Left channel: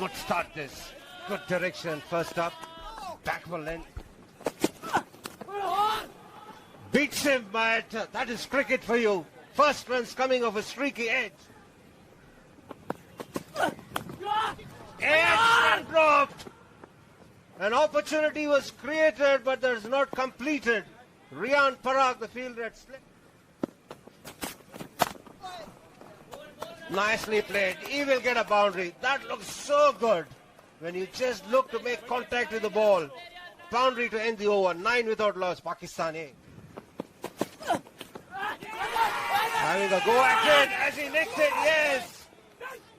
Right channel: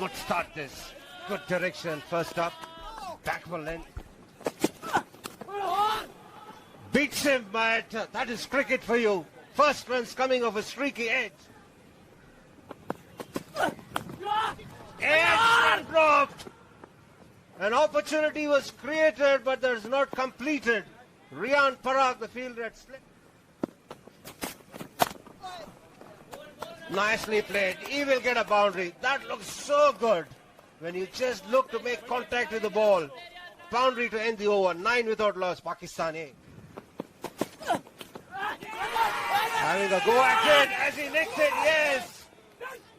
good start this. Good direction. First up, Backman beats him, but that is cricket for you. First runs coming off a streaky edge. Edge dropped. An opportunity was created, but there's not completed. Rian Parag, the fielder, had slipped. Nicely played. He will get a boundary. That looks so good when you just look to make contact with the ball. Boundary to end the over. 9 without loss. Pakistan A. Having a go at it as he lifts it. Yes.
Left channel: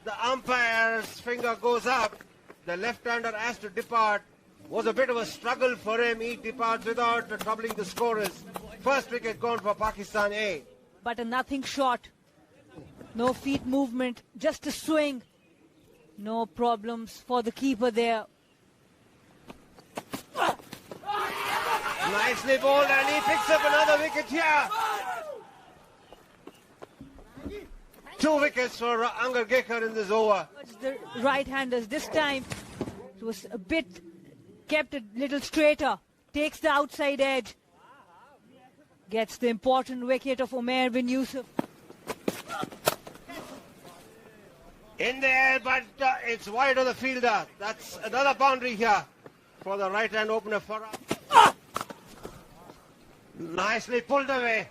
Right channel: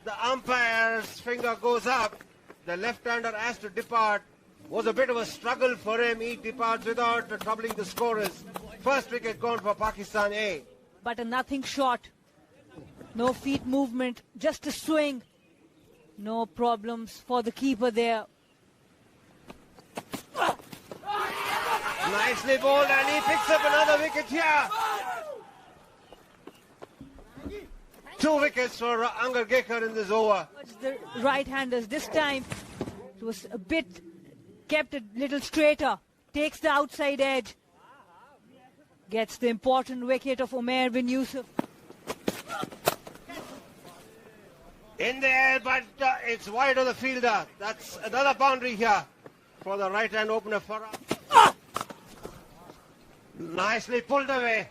The umpire's finger goes up. The left-hander has to depart. Was a bit of a struggle for him. He departs without troubling the scorers. First wicket gone for Pakistan A. But a nothing shot. No feet movement, just a swing. No problems for the keeper there. Nicely bowled, and he picks up another wicket here. 2 wickets for Angar Gekar in this over. The right-handers this time, it was a bit, kept a little straighter. Takes the outside edge. Gets the important wicket of Umair bin Yusuf. In the air, but it's wide of the fielder. That's another boundary here for the right-hand opener. Nicely pulled away.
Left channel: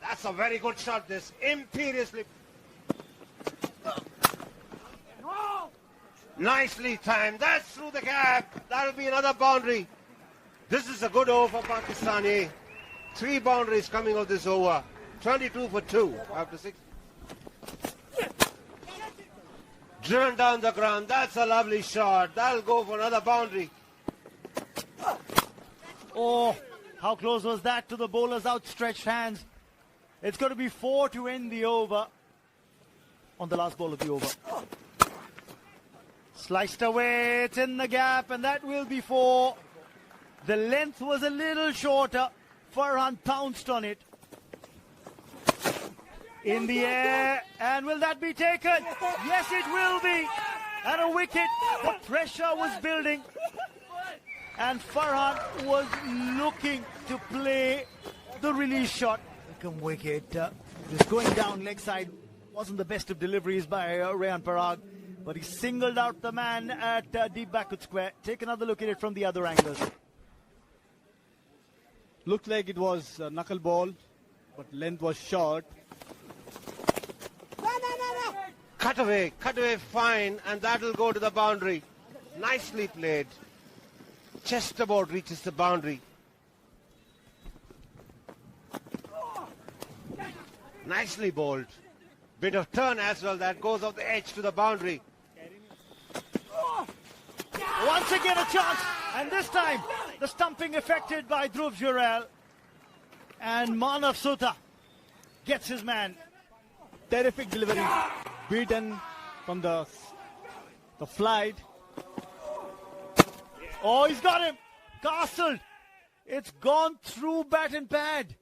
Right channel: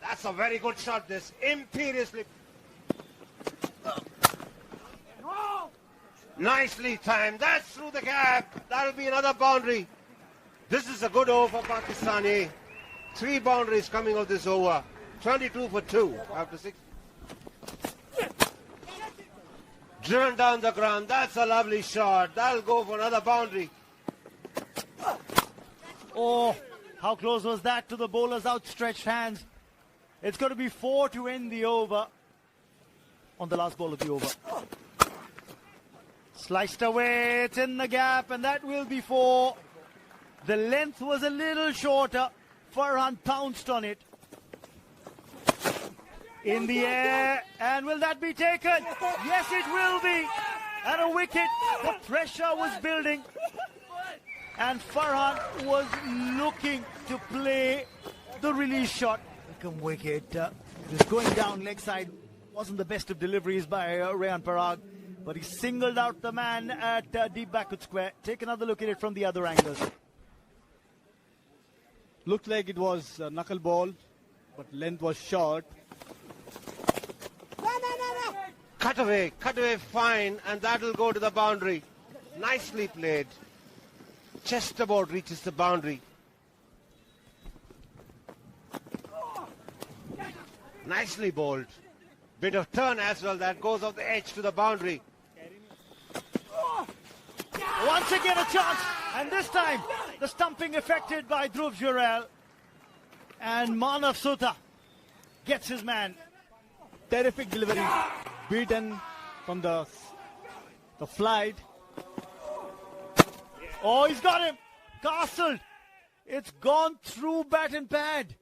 That's a very good shot, this. Imperiously. Nicely timed. That's through the gap. That'll be another boundary. This is a good over for Pakistan A. 3 boundaries coming of this over. 22 for 2 after 6. Driven down the ground. That's a lovely shot. That'll go for another boundary. Oh, how close was that to the bowler's outstretched hands. It's going to be 4 to end the over on the last ball of the over. Sliced away, it's in the gap, and that will be 4. The length was a little shorter. Farhan pounced on it. In the air, and will that be taken? Yes, it will be. And a wicket. The pressure was building, and Farhan was looking to play the release shot. Welcome wicket. Just going down leg side. Wasn't the best of deliveries by Rian Parag, but he singled out the man at deep backward square. Take another look at it from the other angles. Looked like it was a knuckle ball, but length was short. Cut away fine, and that'll go to the boundary. Nicely played. Just about reaches the boundary. Nicely bowled. Bit of turn as well, that goes off the edge to the boundary. Once again a chance, and this time the stumping affected by Dhruv Jurel, and Manav Sutha gets his man. Terrific delivery, beaten from the flight. Oh, he's got him, castled. It's gone through bat and pad.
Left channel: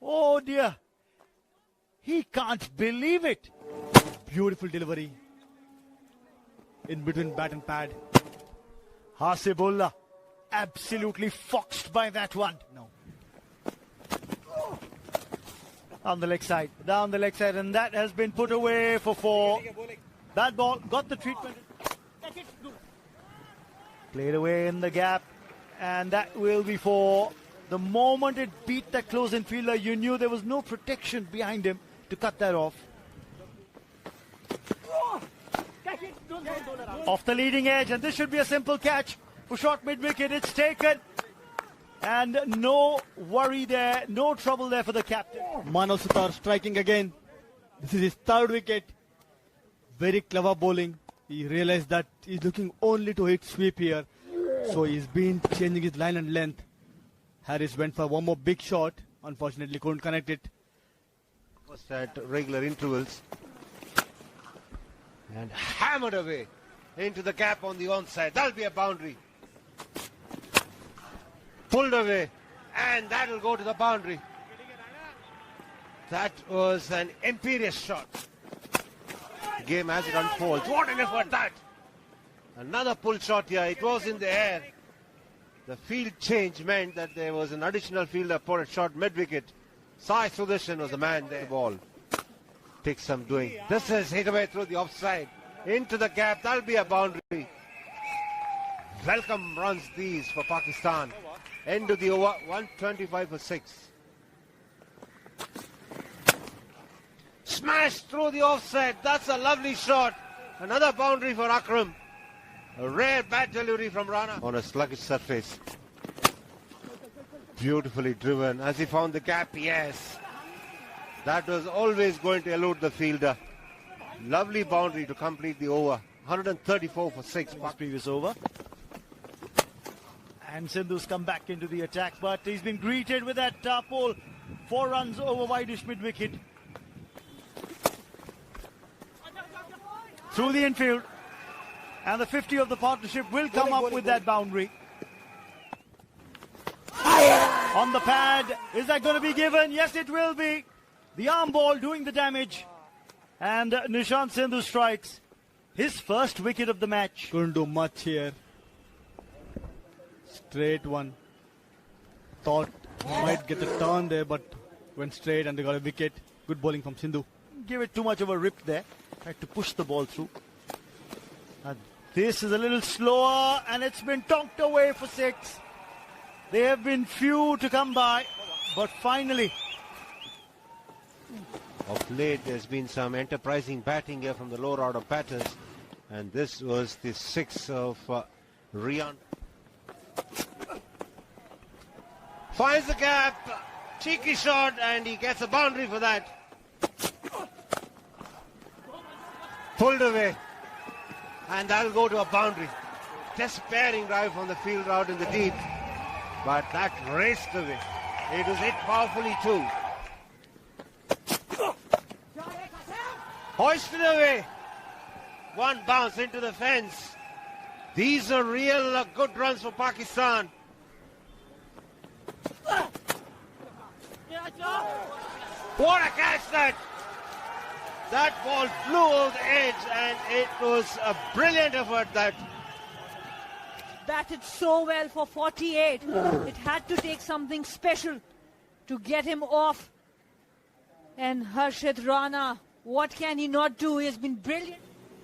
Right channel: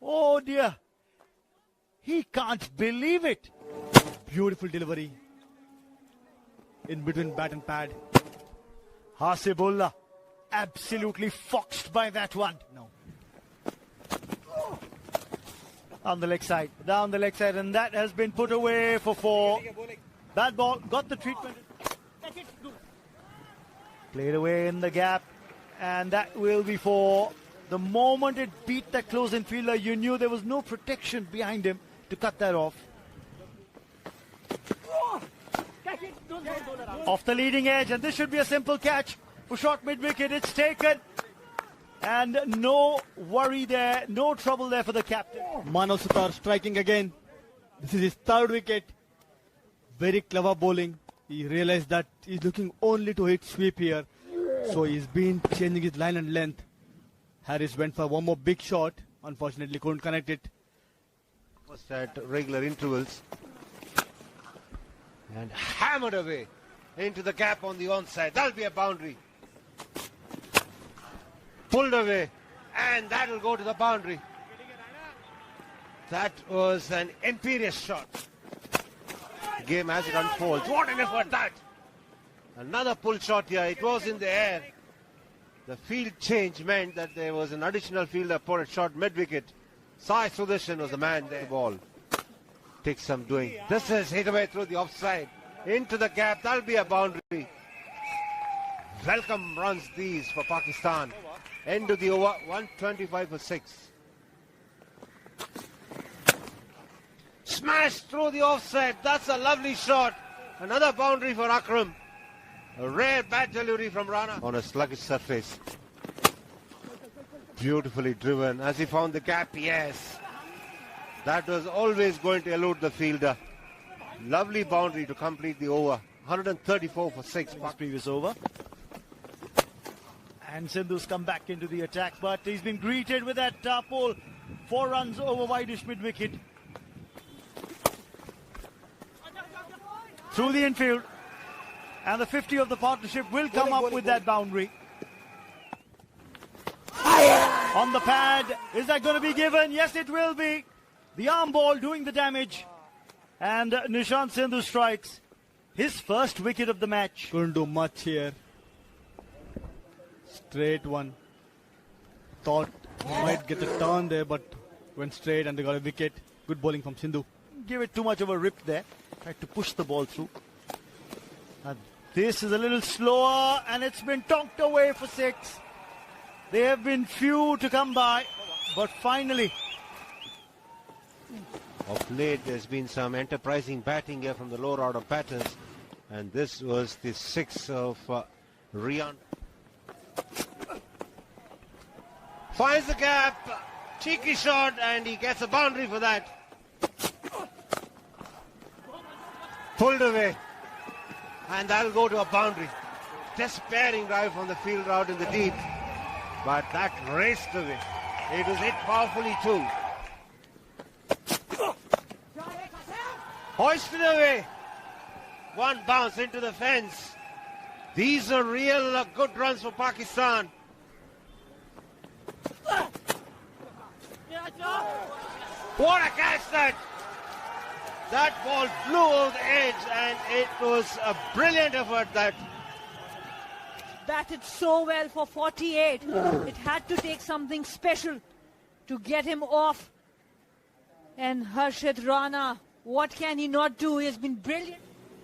Oh dear, he can't believe it. Beautiful delivery in between bat and pad. Hasibullah absolutely foxed by that one. No. On the leg side, down the leg side, and that has been put away for 4. That ball got the treatment. Played away in the gap, and that will be 4. The moment it beat that close-in fielder, you knew there was no protection behind him to cut that off. Off the leading edge, and this should be a simple catch. For short mid-wicket, it's taken. And no worry there, no trouble there for the captain. Manav Sutha striking again. This is his 3rd wicket. Very clever bowling. He realized that he's looking only to hit sweep here. So he's been changing his line and length. Harris went for one more big shot. Unfortunately, couldn't connect it. Was at regular intervals. And hammered away into the gap on the onside. That'll be a boundary. Pulled away, and that'll go to the boundary. That was an imperious shot. The game as it unfolds. What an effort that! Another pull shot here. It was in the air. The field change meant that there was an additional fielder put a shot mid-wicket. Sai Sudarshan was the man there. Ball takes some doing. This is hit away through the offside. Into the gap. That'll be a boundary. Welcome runs these for Pakistan. End of the over. 125 for 6. Smashed through the offside. That's a lovely shot. Another boundary for Akram. A rare bat delivery from Rana on a sluggish surface. Beautifully driven. As he found the gap, yes. That was always going to elude the fielder. Lovely boundary to complete the over. 134 for 6. Previous over. And Sindhu's come back into the attack, but he's been greeted with that pull. 4 runs over wideish mid-wicket. Through the infield. And the 50 of the partnership will come up with that boundary. On the pad. Is that going to be given? Yes, it will be. The arm ball doing the damage. And Nishant Sindhu strikes his first wicket of the match. Couldn't do much here. Straight one. Thought he might get a turn there, but went straight and they got a wicket. Good bowling from Sindhu. Give it too much of a rip there. Had to push the ball through. And pace is a little slower and it's been tonked away for 6. They have been few to come by, but finally. Of late, there's been some enterprising batting here from the lower order batters. And this was the 6 of Rian. Finds the gap. Cheeky shot and he gets a boundary for that. Pulled away. And that'll go to a boundary. Despairing drive from the field out in the deep. But that raced away. It was hit powerfully too. Hoisted away. One bounce into the fence. These are real good runs for Pakistan. What a catch that! That ball flew over the edge and it was a brilliant effort that. Batted so well for 48. It had to take something special to get him off. And Harshit Rana, what can he not do? He has been brilliant.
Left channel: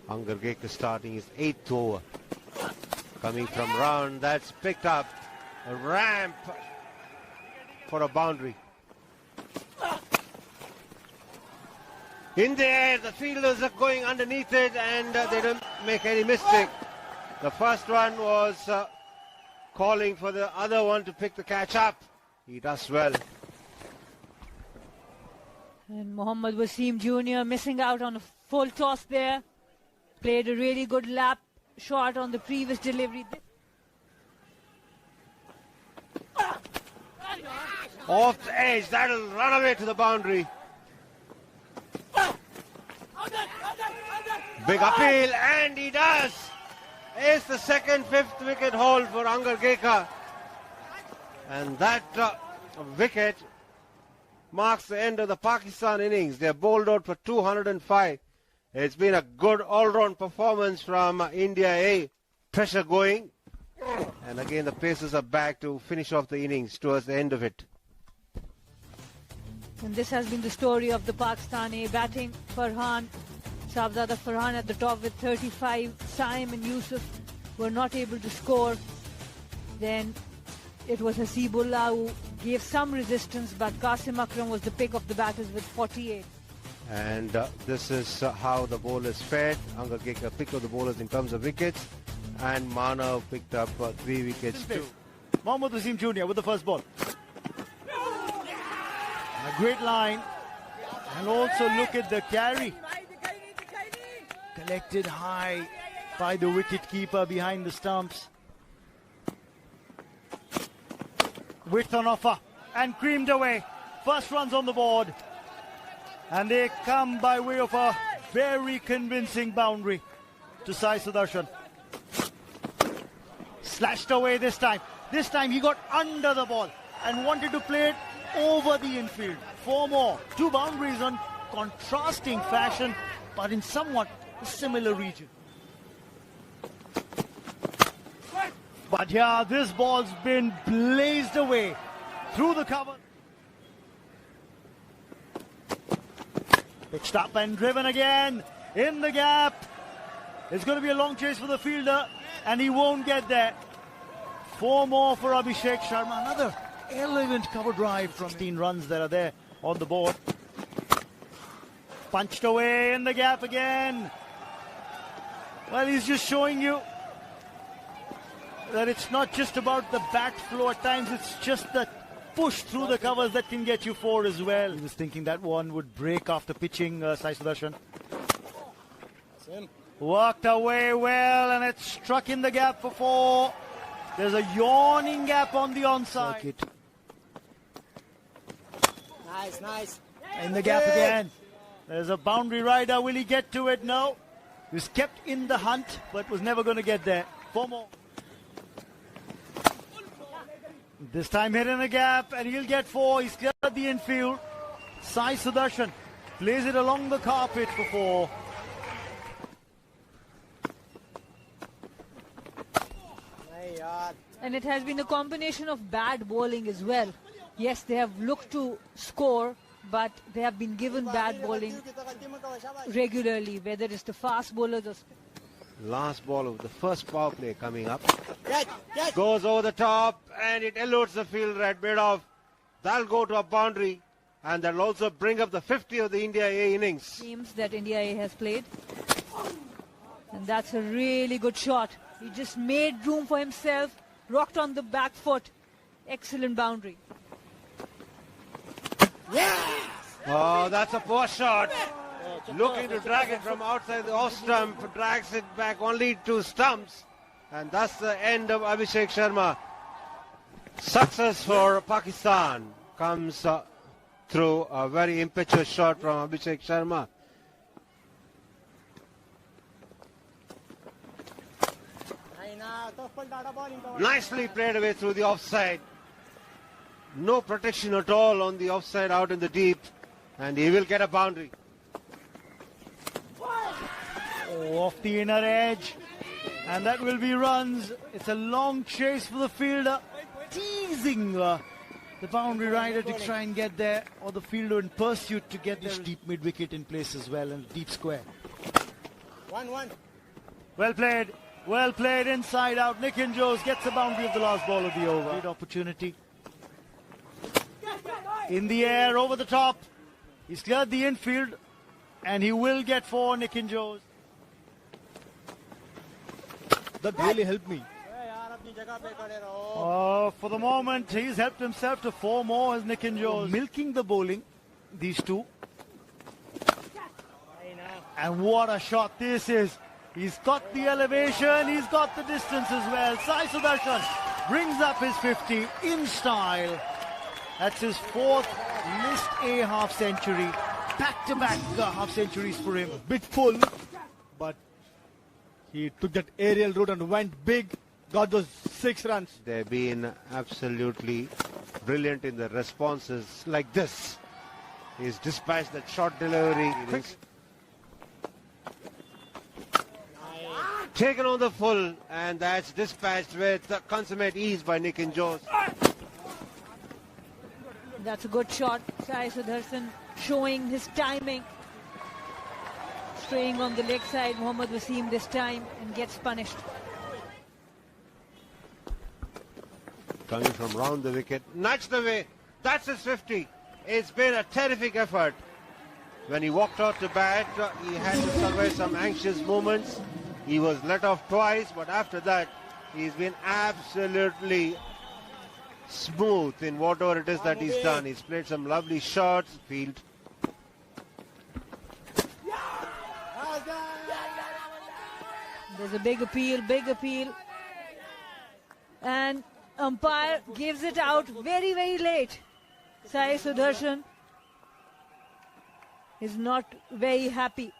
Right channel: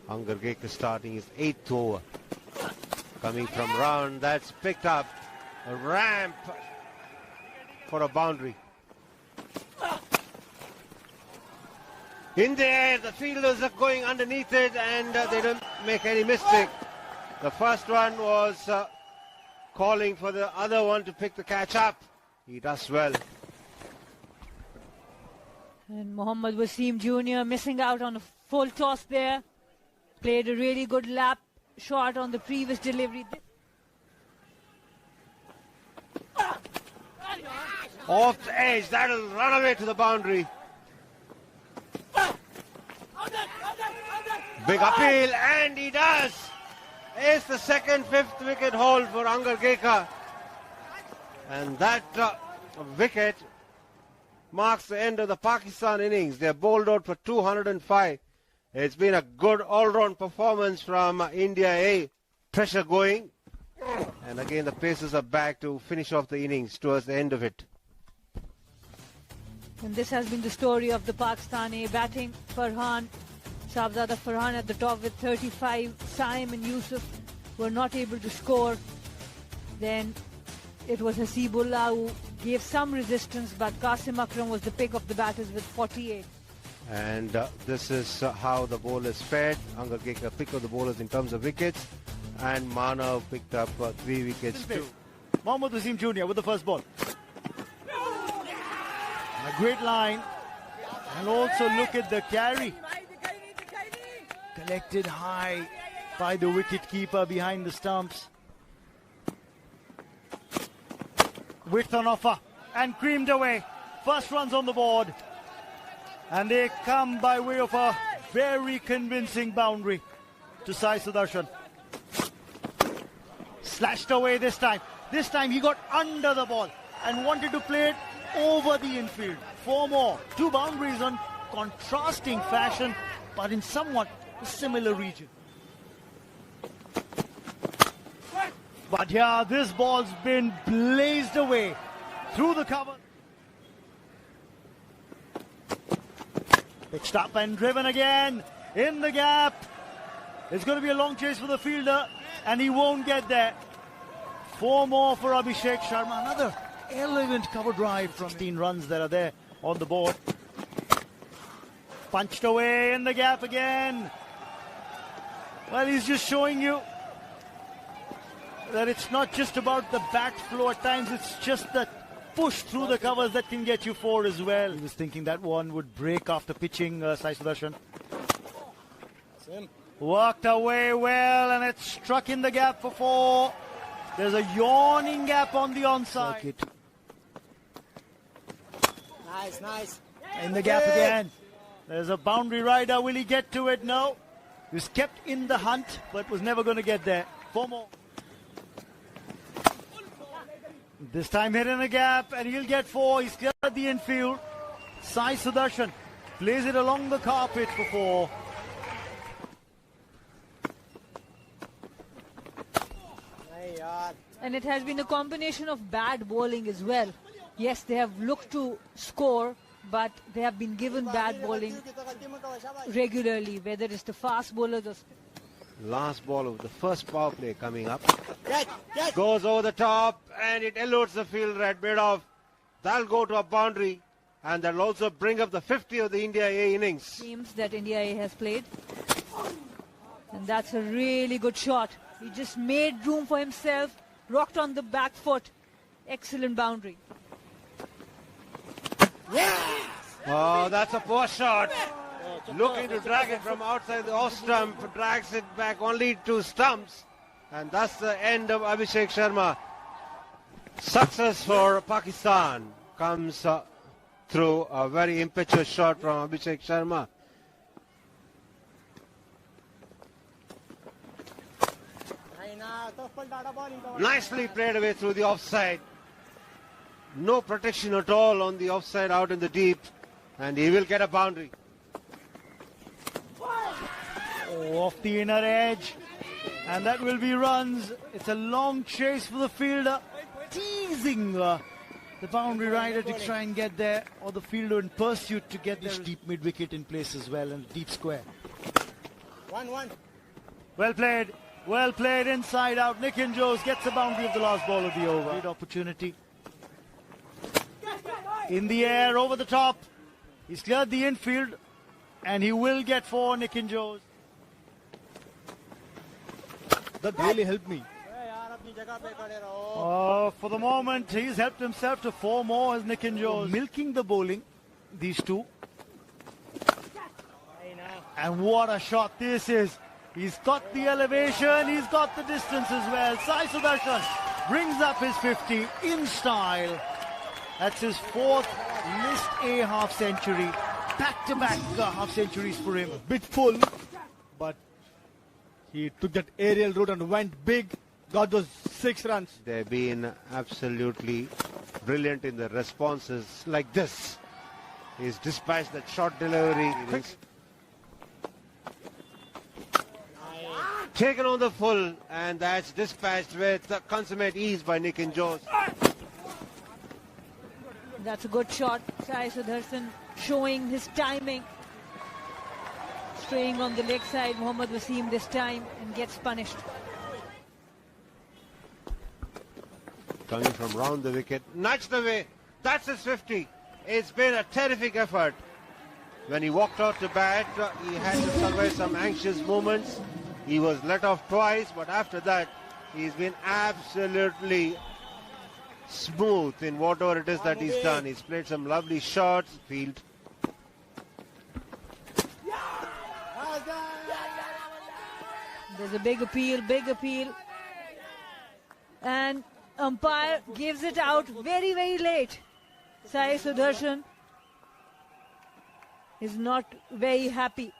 Angargekar starting his 8th over. Coming from round, that's picked up. A ramp for a boundary. In the air, the fielders are going underneath it and they don't make any mistake. The first one was calling for the other one to pick the catch up. He does well. And Mohammad Wasim Jr. missing out on a full toss there. Played a really good lap shot on the previous delivery. Off the edge, that'll run away to the boundary. Big appeal, and he does. It's the second, 5th wicket haul for Angargekar. And that wicket marks the end of the Pakistan innings. They're bowled out for 205. It's been a good all-round performance from India A. Pressure going. And again, the Pacers are back to finish off the innings towards the end of it. And this has been the story of the Pakistani batting. Farhan, Shahzada Farhan at the top with 35. Saim and Yusuf were not able to score. Then it was Hasibullah who gave some resistance, but Qasim Akram was the pick of the batters with 48. And this is how the bowlers fared. Angargekar picked up the bowlers in terms of wickets. And Manav picked up 3 wickets too. Mohammad Wasim Jr. with the first ball. A great line. And also look at the carry. Collected high by the wicket-keeper behind the stumps. Width on offer. And creamed away. First runs on the board. And they come by way of a very convincing boundary to Sai Sudarshan. Slashed away this time. This time he got under the ball and wanted to play it over the infield. 4 more. 2 boundaries on contrasting fashion, but in somewhat a similar region. But yeah, this ball's been blazed away through the cover. Pitched up and driven again in the gap. It's going to be a long chase for the fielder, and he won't get there. 4 more for Abhishek Sharma. Another elegant cover drive from 16 runs that are there on the board. Punched away in the gap again. Well, he's just showing you that it's not just about the bat flow at times, it's just the push through the covers that can get you 4 as well. He was thinking that one would break after pitching Sai Sudarshan. Worked away well, and it struck in the gap for 4. There's a yawning gap on the onside. Circuit. Nice. In the gap again. There's a boundary rider. Will he get to it? No. He was kept in the hunt, but was never going to get there. 4 more. This time hit in the gap, and he'll get 4. He's cleared the infield. Sai Sudarshan plays it along the carpet for 4. And it has been a combination of bad bowling as well. Yes, they have looked to score, but they have been given bad bowling regularly, whether it's the fast bowlers or... Last ball of the first power play coming up. Goes over the top, and it eludes the field right mid off. That'll go to a boundary, and that'll also bring up the 50 of the India A innings. Teams that India A has played. And that's a really good shot. He just made room for himself, rocked on the back foot. Excellent boundary. Oh, that's a poor shot. Looking to drag it from outside the off stump, drags it back only 2 stumps. And that's the end of Abhishek Sharma. Success for Pakistan comes through a very impetuous shot from Abhishek Sharma. Nicely played away through the offside. No protection at all on the offside out in the deep, and he will get a boundary. Off the inner edge, and that will be runs. It's a long chase for the fielder, teasing the boundary rider to try and get there, or the fielder in pursuit to get this deep mid wicket in place as well, and deep square. 1-1. Well played inside out. Nikin Jose gets the boundary of the last ball of the over. Great opportunity. In the air, over the top. He's cleared the infield, and he will get 4, Nikin Jose. That really helped me. For the moment, he's helped himself to 4 more as Nikin Jose. Milking the bowling, these 2. And what a shot this is. He's got the elevation, he's got the distance as well. Sai Sudarshan brings up his 50 in style. That's his 4th List A half century. Back-to-back half centuries for him. A bit full, but he took that aerial route and went big, got those 6 runs. They've been absolutely brilliant in their responses like this. He's dispatched that short delivery. Taken on the full, and that's dispatched with consummate ease by Nikin Jose. That's a good shot. Sai Sudarshan showing his timing. Staying on the leg side, Mohammad Wasim this time, and gets punished. Coming from round the wicket, nudged away. That's his 50. It's been a terrific effort. When he walked out to bat, he had to survive some anxious moments. He was let off twice, but after that, he's been absolutely smooth in whatever it is that he's done. He's played some lovely shots, field. There's a big appeal. And umpire gives it out very, very late. Sai Sudarshan is not very happy.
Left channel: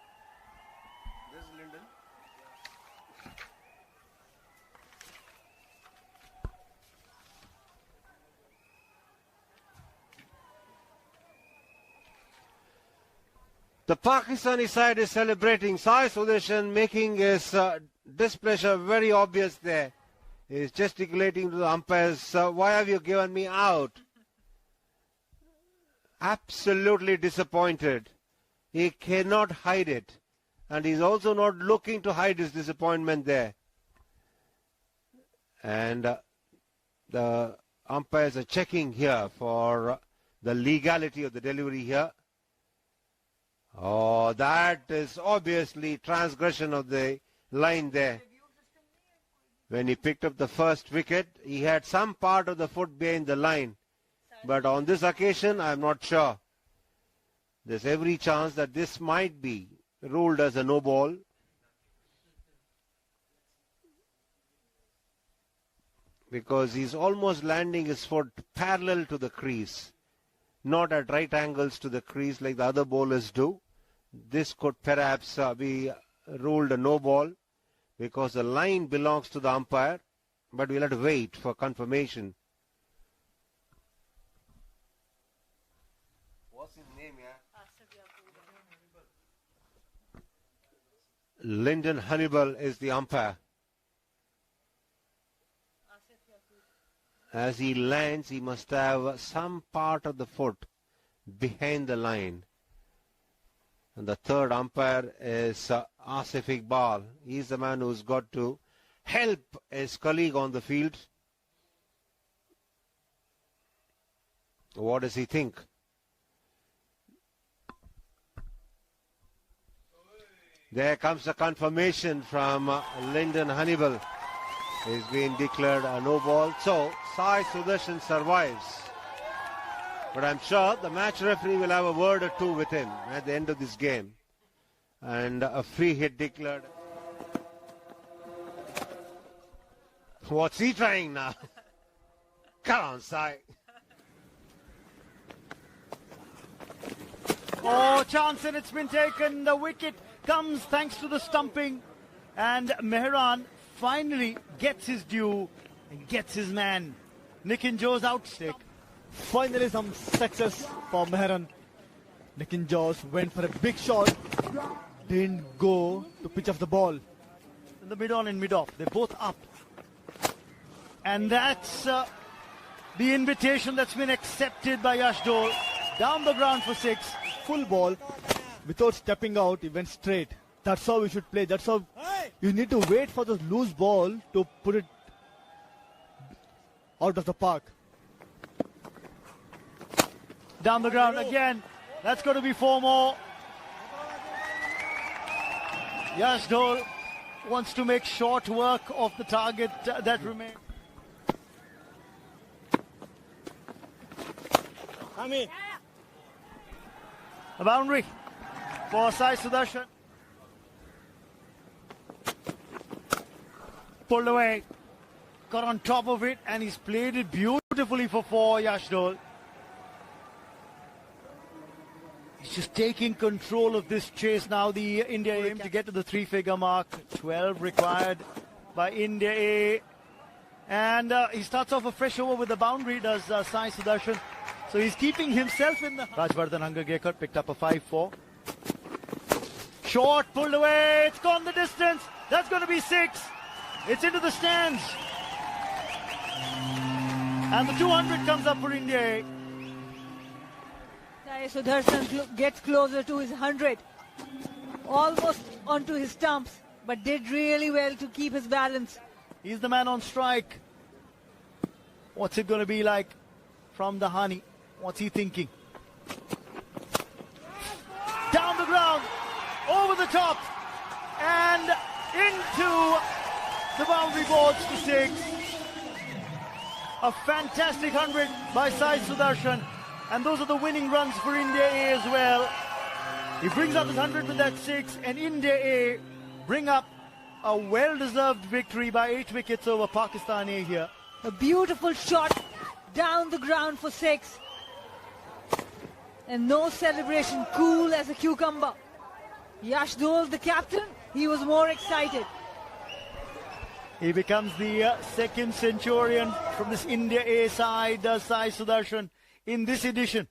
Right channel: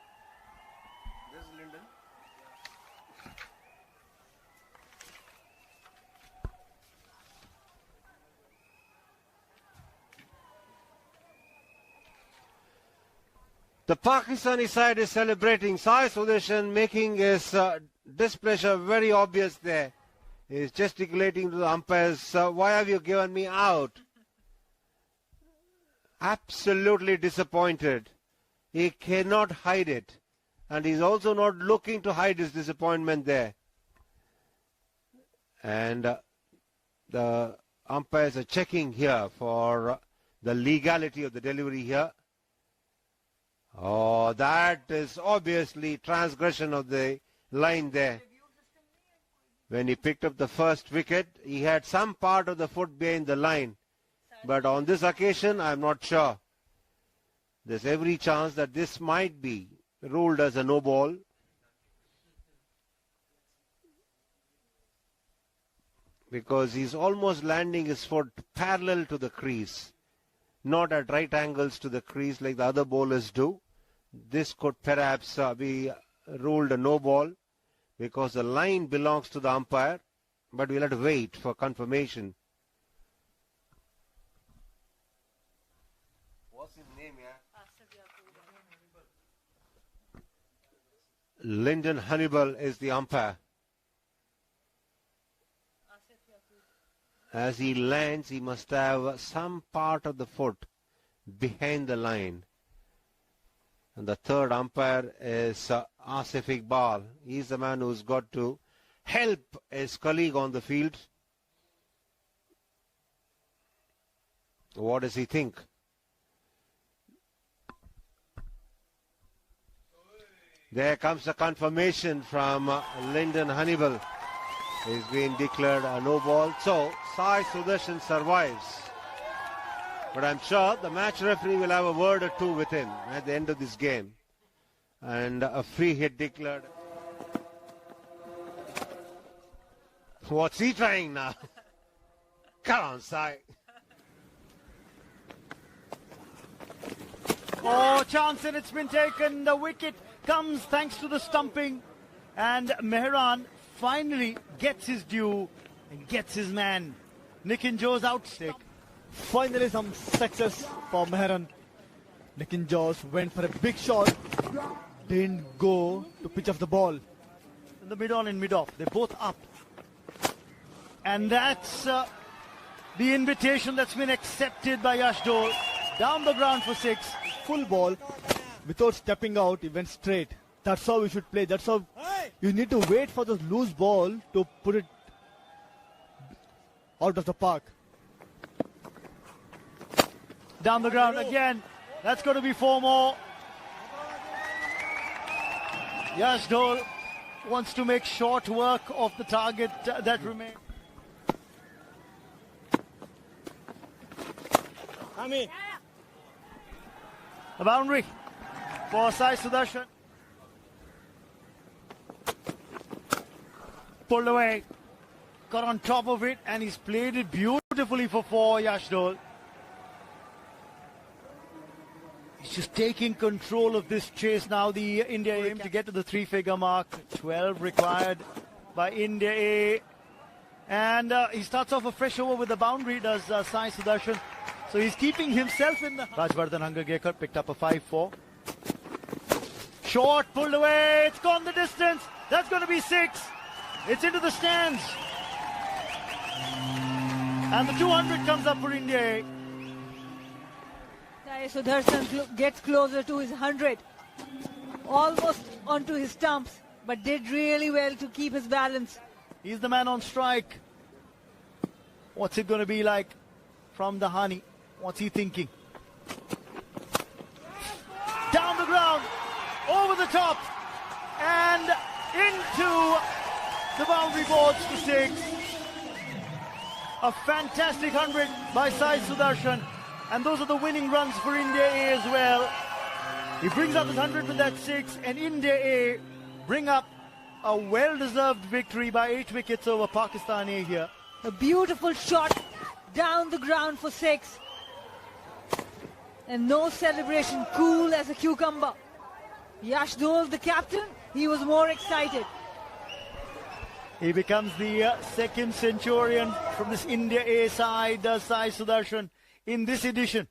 The Pakistani side is celebrating. Sai Sudarshan making his displeasure very obvious there. He's gesticulating to the umpires, "Sir, why have you given me out?" Absolutely disappointed. He cannot hide it. And he's also not looking to hide his disappointment there. And the umpires are checking here for the legality of the delivery here. Oh, that is obviously transgression of the line there. When he picked up the first wicket, he had some part of the foot behind the line. But on this occasion, I'm not sure. There's every chance that this might be ruled as a no ball. Because he's almost landing his foot parallel to the crease, not at right angles to the crease like the other bowlers do. This could perhaps be ruled a no ball because the line belongs to the umpire, but we'll have to wait for confirmation. What's his name, yeah? Lyndon Hannibal is the umpire. As he lands, he must have some part of the foot behind the line. And the third umpire is Asif Iqbal. He's the man who's got to help his colleague on the field. What does he think? There comes the confirmation from Lyndon Hannibal. He's been declared a no ball. So, Sai Sudarshan survives. But I'm sure the match referee will have a word or two with him at the end of this game. And a free hit declared. What's he trying now? Come on, Sai. Oh, chance, and it's been taken. The wicket comes thanks to the stumping. And Mehran finally gets his due and gets his man. Nitin Jo's outstake. Finally some success for Mehran. Nitin Jos went for a big shot. Didn't go to pitch off the ball. In the mid-on and mid-off, they're both up. And that's the invitation that's been accepted by Yash Dole. Down the ground for 6. Full ball. Without stepping out, he went straight. That's how we should play. That's how you need to wait for the loose ball to put it out of the park. Down the ground again. That's going to be 4 more. Yash Dole wants to make short work of the target that remains. A boundary for Sai Sudarshan. Pulled away. Got on top of it and he's played it beautifully for 4, Yash Dole. He's just taking control of this chase now. The India aim to get to the 3-figure mark. 12 required by India A. And he starts off a fresh over with the boundary, does Sai Sudarshan. So he's keeping himself in the... Rajvardhan Hangagekar picked up a 5-4. Short, pulled away. It's gone the distance. That's going to be 6. It's into the stands. And the 200 comes up for India A. Sai Sudarshan gets closer to his 100. Almost onto his stumps, but did really well to keep his balance. He's the man on strike. What's it going to be like from the Hani? What's he thinking? Down the ground, over the top, and into the boundary boards to 6. A fantastic 100 by Sai Sudarshan. And those are the winning runs for India A as well. He brings up his 100 with that 6, and India A bring up a well-deserved victory by 8 wickets over Pakistan A here. A beautiful shot down the ground for 6. And no celebration, cool as a cucumber. Yash Dole, the captain, he was more excited. He becomes the second centurion from this India A side, Sai Sudarshan, in this edition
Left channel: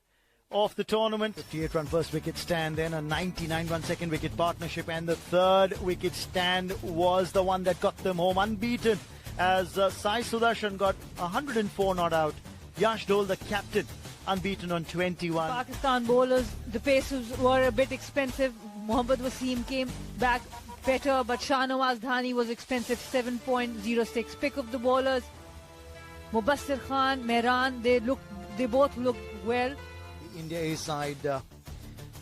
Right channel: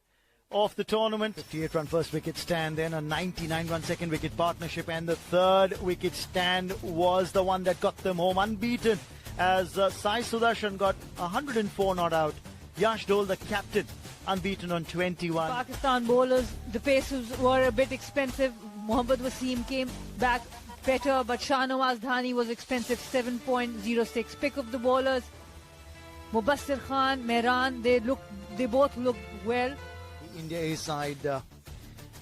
of the tournament. 58 run first wicket stand, then a 99 run second wicket partnership, and the third wicket stand was the one that got them home unbeaten as Sai Sudarshan got 104 not out. Yash Dole, the captain, unbeaten on 21. Pakistan bowlers, the paces were a bit expensive. Mohammad Wasim came back better, but Shahnawaz Dhani was expensive, 7.06. Pick of the bowlers, Mubassir Khan, Mehran, they both look well. The India A side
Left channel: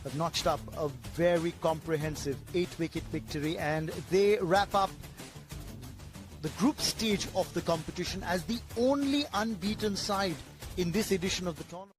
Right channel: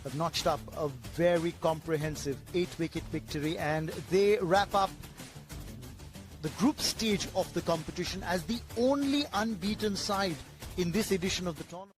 have notched up a very comprehensive 8-wicket victory, and they wrap up the group stage of the competition as the only unbeaten side in this edition of the tournament.